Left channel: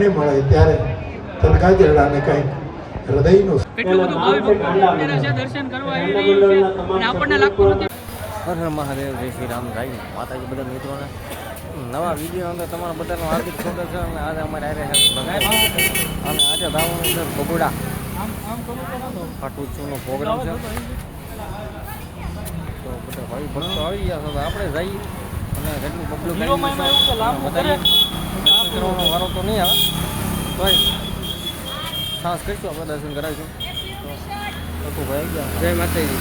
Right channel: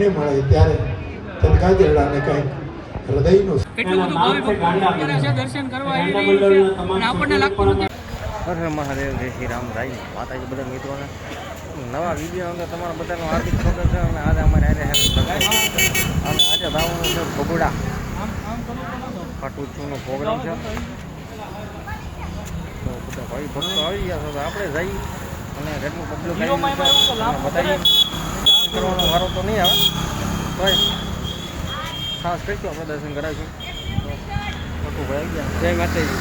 આપને મળે ત્યારે તનકાજરડાને કંઈક હૃદયનું કેટલું બધું ભાવિ ભક્તો અત્યારે છે દર્શન કરવા આવી રહી છે અને આપણને લાગતું નથી. હર હર મહાદેવ, જય શ્રી રામ. રાઈ માતાજી બધા મિત્રોને નવા વિડીયો અંદર તમારા બધાનું હાર્દિક સ્વાગત છે. અને આજે અમારે આવ્યા છે અને આજે ધાવાનું છે બગુડા ખાટુચુનો પ્રોગ્રામ છે. તો બધા ભાઈ ભક્તો આવી ગયા છે તો આપણે જઈ અને કેટલું પબ્લિક આવી ગયું છે અને બતાવીએ. દર્શન કરવાનો વારો તો નહીં આવે ભાઈ, ખાસ કરીશું આપણે દર્શન કરાવીશું. તો છોટું ભાઈ આવી ગયા. જય માતાજી.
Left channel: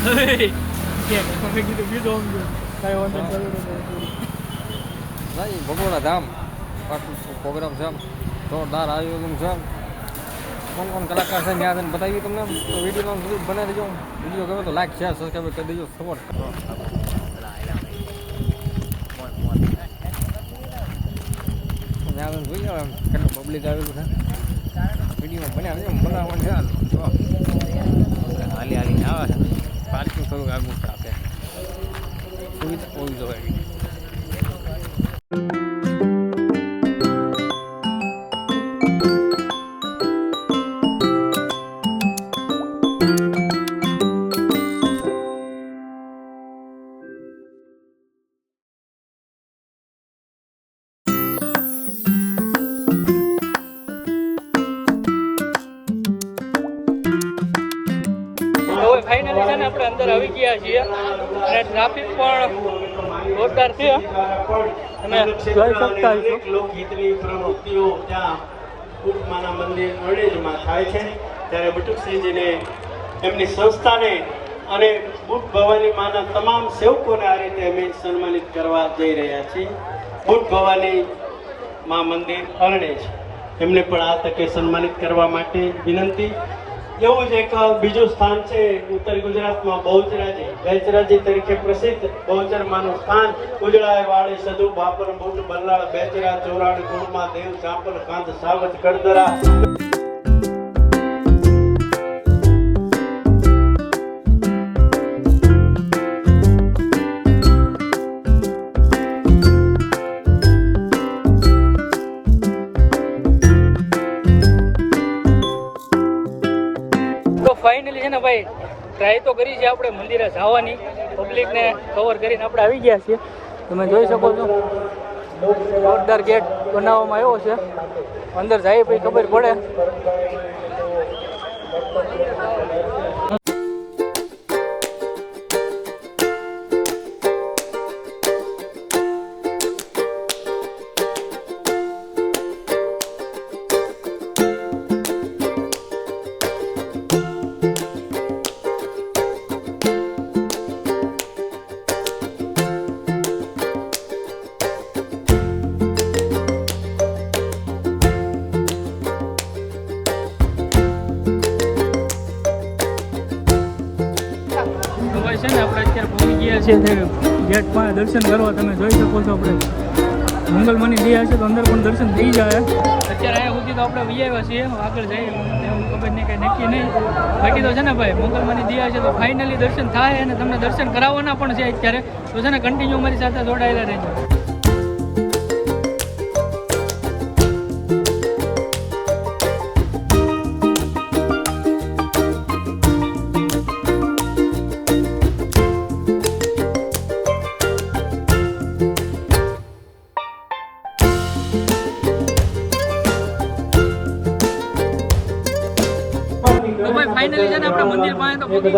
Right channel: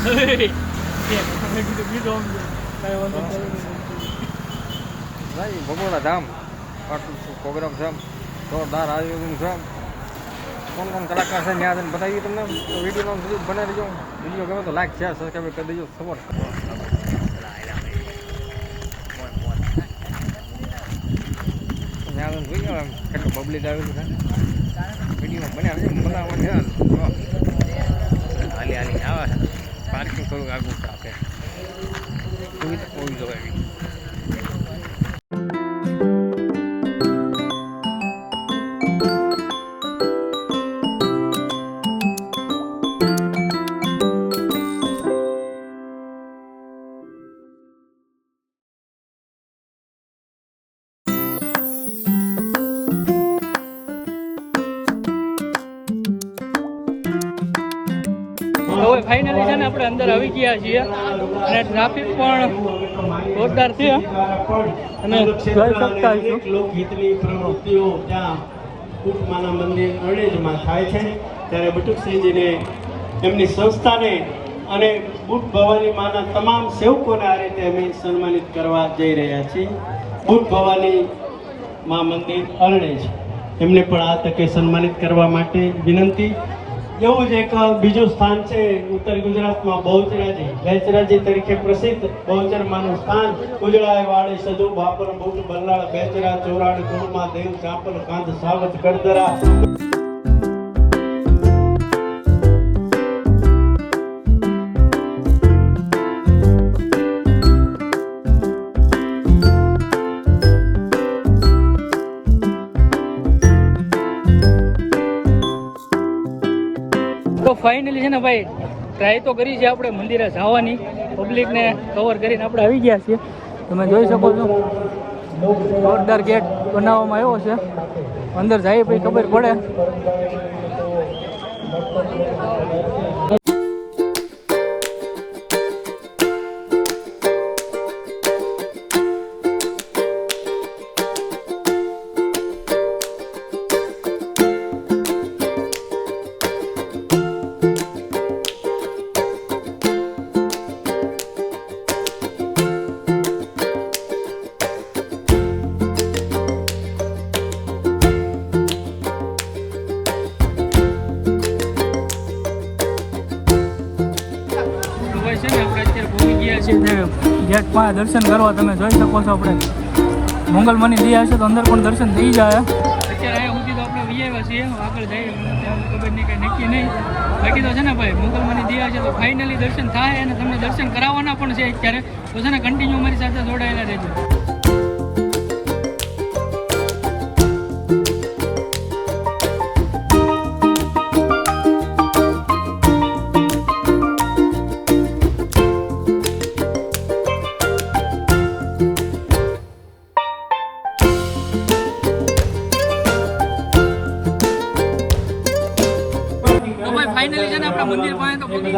ભાઈ ભગોડા ધામ ખાટુચુ પ્રોગ્રામ છે, જોરદાર આયોજન છે. કોણ કોણ કલાકાર છે ત્યાં જઈને બતાવીએ તમને. તો વિડીયોનો સુધી બનાવી દેજો. વિડીયો ગમે તો લાઈક શેર સબસ્ક્રાઈબ કરી દેજો. સપોર્ટ કરો. ત્યાં જોઈએ કેટલું પબ્લિક આવેલું છે. વિડીયોમાં બનાવવાનું છે. હાલી હાલીને આવે છે. પાર્કિંગ થોડુંક આગળ છે. આપણે સુવિધા હોવી જોઈએ એવી. અંદર આવી ગયા છીએ અને ટ્રાફિક પણ જોરદાર છે. અને અનેક લોકગીતની પ્રવૃત્તિઓ ત્યાં બટુકમાના મંદિર ગણેશમાં થાય છે. ત્યારે બટુકસિંહજીને એમની સંસ્થાને અને બુટ ભવાની માના તમામ સેવકોને આ રીતે અમે સન્માનિત કરવા જઈ રહ્યા છીએ. બુટ ભવાની મા મંદિર અરણેજ એમને પણ આ તકે સન્માનિત કરવા માટે વિનંતી. એવું જ એક બીજું સ્થાન છે ઉત્તર ગુજરાતમાં બહુચરાજી તરીકે પ્રસિદ્ધ બહુચરમાનું સ્થાન. ઉજળાય વાળી સદુ બાપર બુટ બરનાળ બેચરા ચોરાણી કોળમાં દેવ ચાપલ કાંધ સાવજ ગડદરા. ફાઇનલી છે ને ભાઈ ટ્રાય તો કરી છે આપણે મંદિરે જવાની, પબ્લિકને કવર કરીને આપણે આવી ગયા છીએ. તમે જોઈ શકો છો જોરદાર ગેટ બનાવવામાં આવ્યો છે. અંદર જાય પછી ખબર પડે. છે ને આપણે અત્યારે પહોંચી ગયા છીએ ગેટમાં દર્શન કરવા. તમે જોઈ શકો છો આપણે મંગલમની દયા છે તો અંદર પણ દર્શન થઈ જાય. અત્યારે અહીંયા સુધી તો આપણે વહી આવ્યા છીએ. આગળ જઈએ ખબર નહીં કંઈ નક્કી નહીં. બાકી તો છે ને ભાઈ મંગલમની દયા છે તો ફાઇનલી દર્શન થાય અને તમને દર્શન કરાવવાના પણ છે અત્યારે. તો છે ને કન્ટિન્યુ મારી સાથે જોડાયેલા રહેજો. ફાઇનલી છે ને આપણે મંદિર પાસે તો ભક્તો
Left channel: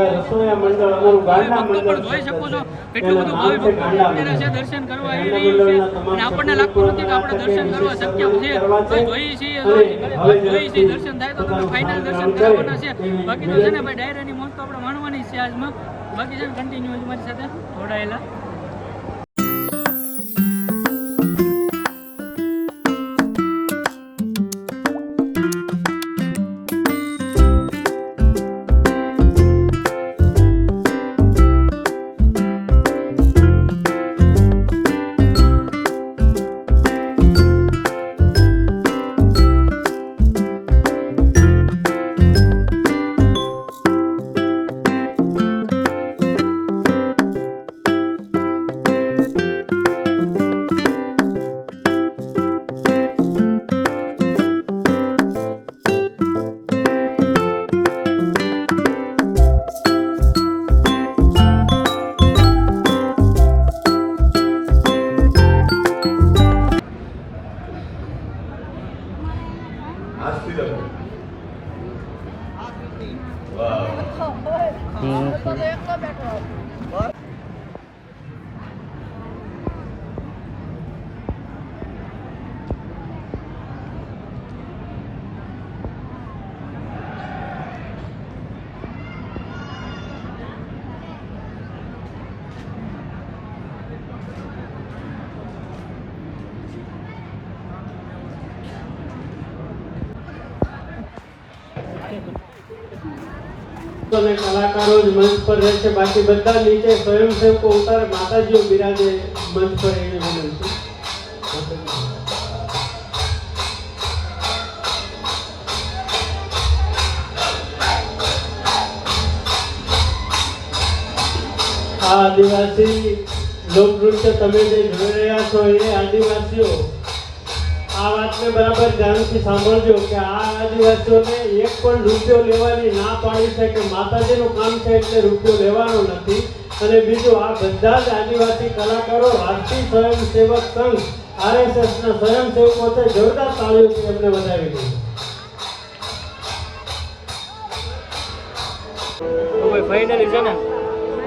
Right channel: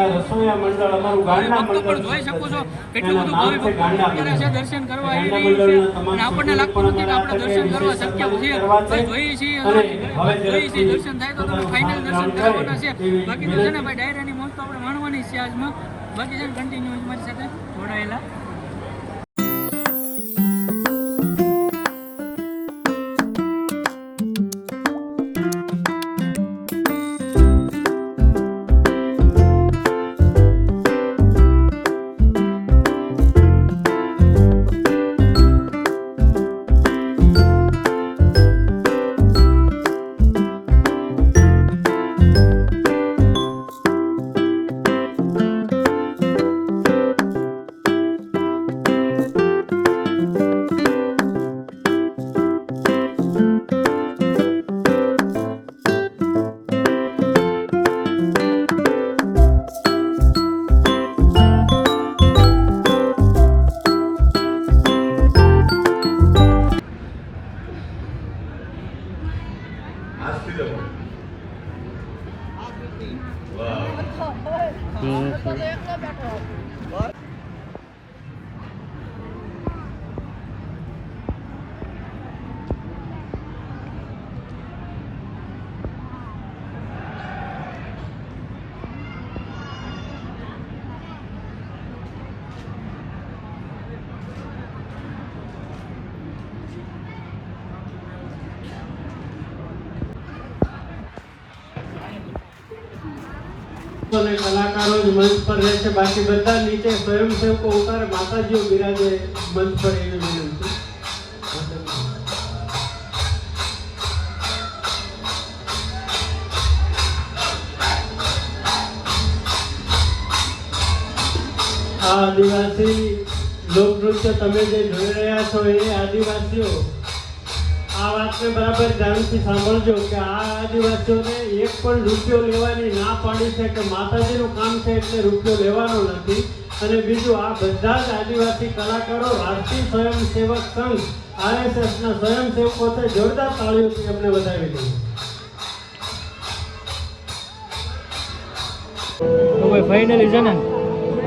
પણ જોઈ શકો છો કેટલું બધું ભાવિ ભક્તો અત્યારે છે દર્શન કરવા આવી રહી છે અને આપણને લાગતું નથી કે આપણે દર્શન કરવા શક્ય છે. તો જોઈએ છીએ દર્શન થાય તો તમે ફાઇનલ દર્શન કરાવવાના છે. બાકી તો છે ને ભાઈ ડાયરાની મોજ તો આપણે માણવાની છે આજમાં. બાકી છે ને કન્ટિન્યુ મારી સાથે જોડાયેલા. કલાકારો જ મંચ પર રહેશે, બાકી બધા નીચે સ્વયંસેવકો ઉતારે માતાજીઓ બિરાજે મંચ પર એવી વિનંતી. આ આદિવાસી લોકનૃત્ય તમે જે જોઈ રહ્યા છો એ આદિવાસીઓ આ વાતને બરાબર ધ્યાનથી સાંભળજો કે આ આદિવાસીઓને એક પણ રૂપિયો લેવાની ના પાડી છે કે માતાજીનું કામ છે એટલે રૂપિયો લેવાનો નથી. અને બીજું, આ બધા જ આદિવાસી કલાકારો રાષ્ટ્રીય સ્વયંસેવક સંઘ RSSના સ્વયંસેવકો છે. જોરદાર તાળીઓથી એમને વધાવી દઈએ. તો ભાઈ ફાઇનલી છે ને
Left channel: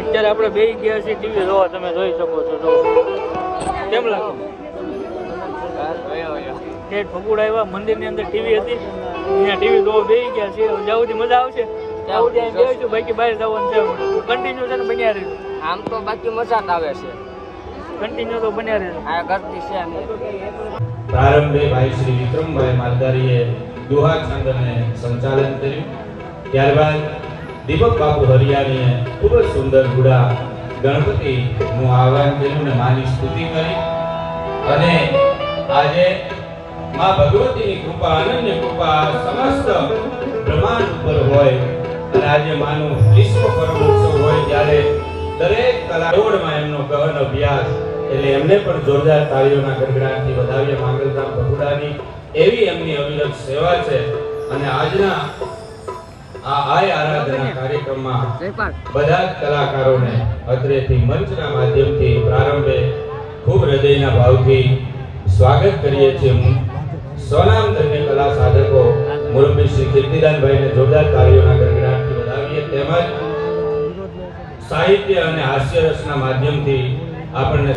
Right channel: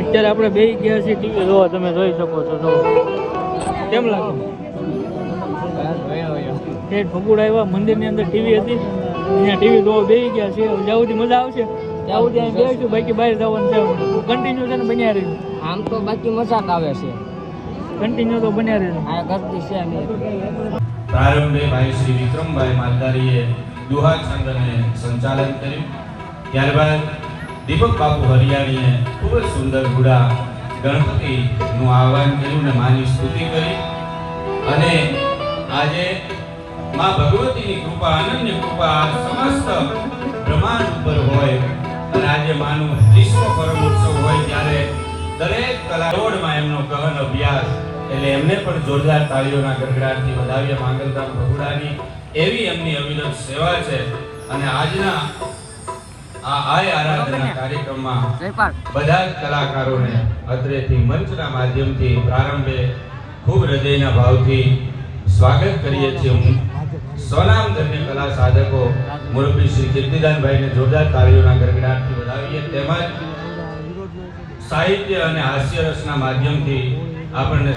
અત્યારે આપણે બે ગયા છીએ ટીકે જોવા, તમે જોઈ શકો છો. કેમ લાગ્યું? ઠેઠ ભગુડ આવ્યા, મંદિરની અંદર ટીવી હતી, અહીંયા ટીવી જોવા બે ગયા છે. જવાથી મજા આવશે બાકી બહાર જવાનું છે. કન્ટિન્યુ છે ને બન્યા રહેશે. આમ તો બાકી મજા જ આવે છે, કન્ટિન્યુ તો બન્યા રહેશે. આ ગરદી છે. પ્રારંભે ભાઈ શ્રી વિક્રમભાઈ માલધારીએ દુહા છંદને સંચાલન કર્યું. ત્યારબાદ દીપક બાપુ હરિયાણીએ ખૂબ જ સુંદર ગુડા ગણપતિનું આહવાન કર્યું અને માની સ્તુતિ કરી. અને આજે મા ભગવતીની કૃપા, અનન્ય કૃપા સમસ્ત બ્રહ્માંડ ઉપર હોય અને આજે માનું વિશ્વ પરમ ઉત્સવ હોય ત્યારે દરેક કલાકારોમાં એમનો ગહન અભ્યાસ, એટલે એમને પણ જોરદાર તાળીઓના ગડગડાટથી વધાવીએ. માંગલધામ ભગુડાની એવી એમની અવિરત સેવા છે. અને આજના આ આરાધના કાર્યક્રમમાં બધા જ કલાકારોને અત્રેથી મંચના માધ્યમથી પ્રારંભે ખૂબ હૃદયના ભાવથી સ્વાગત કરીએ છીએ. સ્વનામ ધન્ય કલા સાધકો મુરબ્બી શ્રી કીર્તિદાનભાઈને જોરદાર તાળીઓના ગડગડાટથી વધાવીએ. તેમજ સાહિત્ય અને હાસ્ય રસના માધ્યમથી આપણને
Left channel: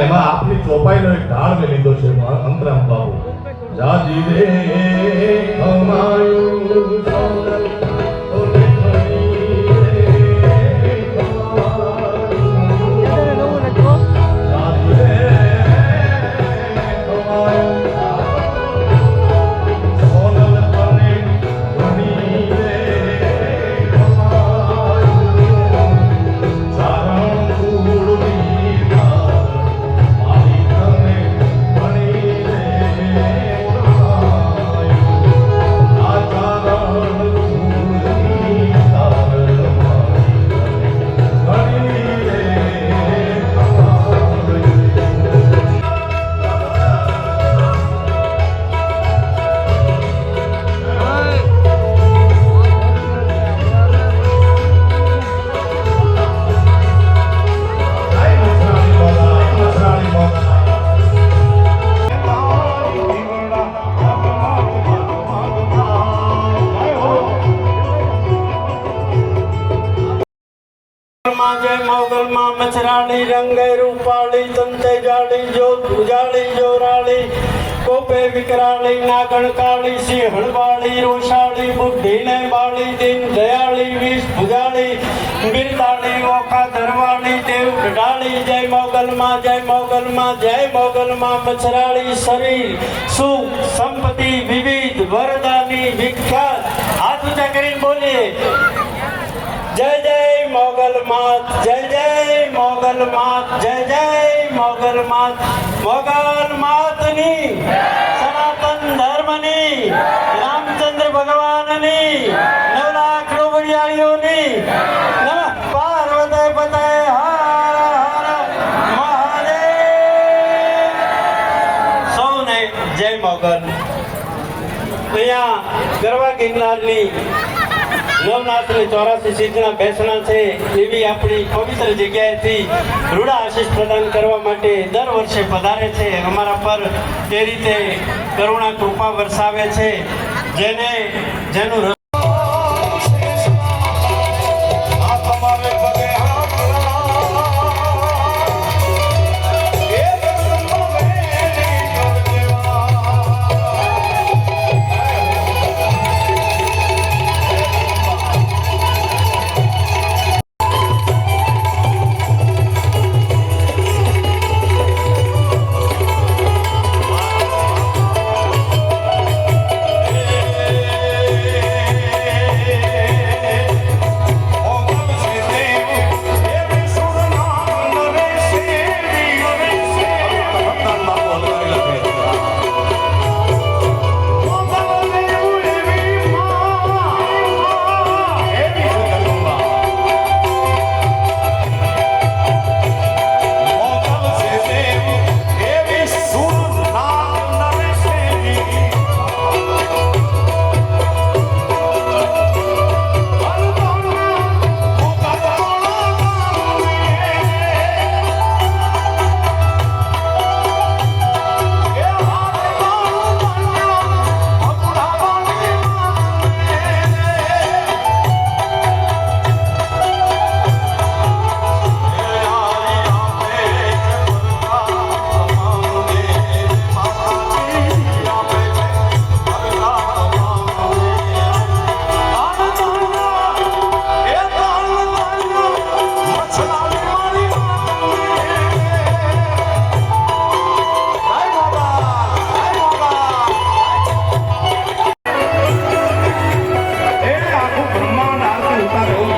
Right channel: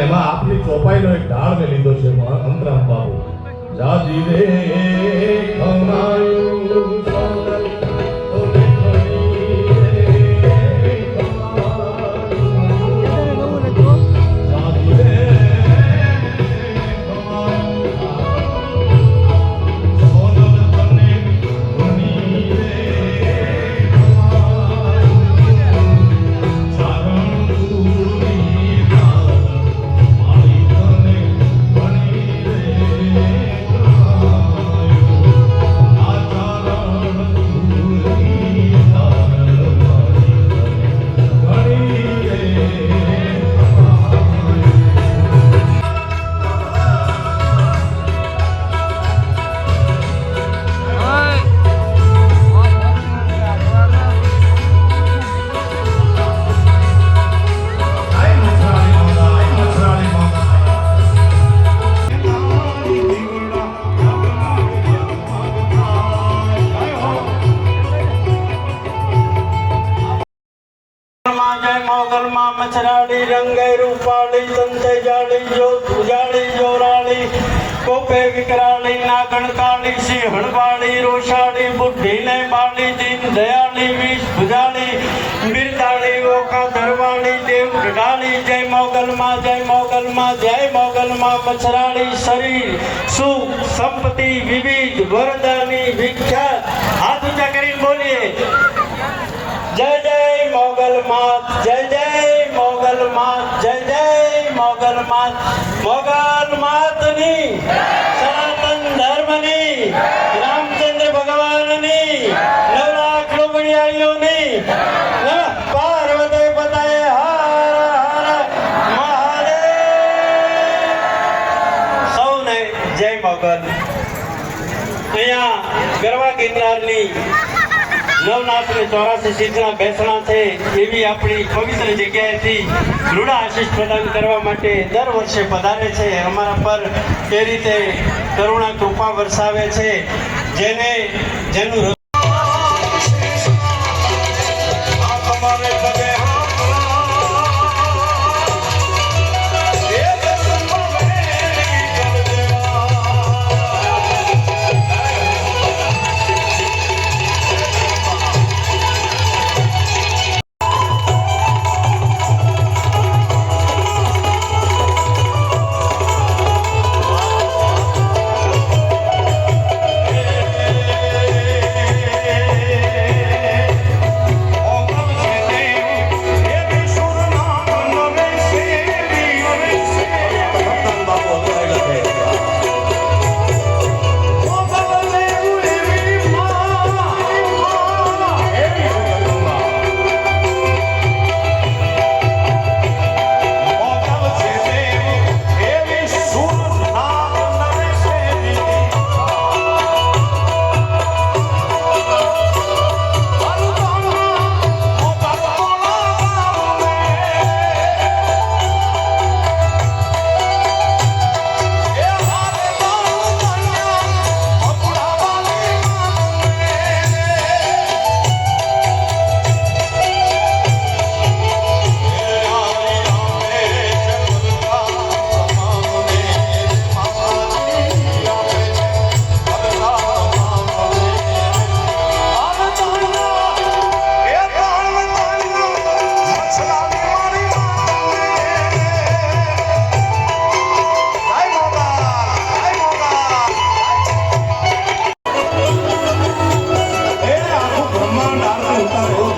એમાં આપની ચોપાઈનો એક ઢાળ મેં લીધો છે અંતરામ બાબુ. જાજી રે ખમાયું સોનલ ઓલે ખણી રે ખમાયું. જાજી રે ખમાયું સોનલ ઓલે ખણી રે ખમાયું. સારણ ફૂલની જય મોગલમાં મછરાળી રંગે રૂપાળી સંતે જાળી જોત ઉજાળી જોરાળી કોપે વિકરાળી નાગણ કાળી સિંહણ વાળી રોષાળી બુદ્ધિને બાળી દીન દયાળી વિષ ભુજાળી બિરદાળી ઓખા ધરવાળી દેવ ગઢાળી. જય મોગલમાં જય મોગલમાં જય મોગલમાં મછરાળી શરીર સુખ સંપત્તિ વિવિધ વરદાની વિખ્યાત. હાથ ઊંચા કરીને બોલીએ જય જય મોગલ માત, જય જય મોગલ માત, જય જય મોગલ માત. મોગલ માતની સનાતન ધર્મની રામચંદ્ર ભગવાનની 9 લાખ રૂપિયાઓની પાર્વતી પતાય હર હર મહાદેવ. સૌને જય મોગલ. અહીંયા ગરવા ગિરનારની નવનાથની 84 સિદ્ધના બેસણા છે એવી આપણી પવિત્ર જગ્યાએથી રૂડા આશીષ પ્રદાન કરવા માટે દર વર્ષે પધારે છે, અમારા પર એ રીતે કરુણા કૃપા વરસાવે છે, જેનું બ્રહ્માંડ આરતી ઉતારો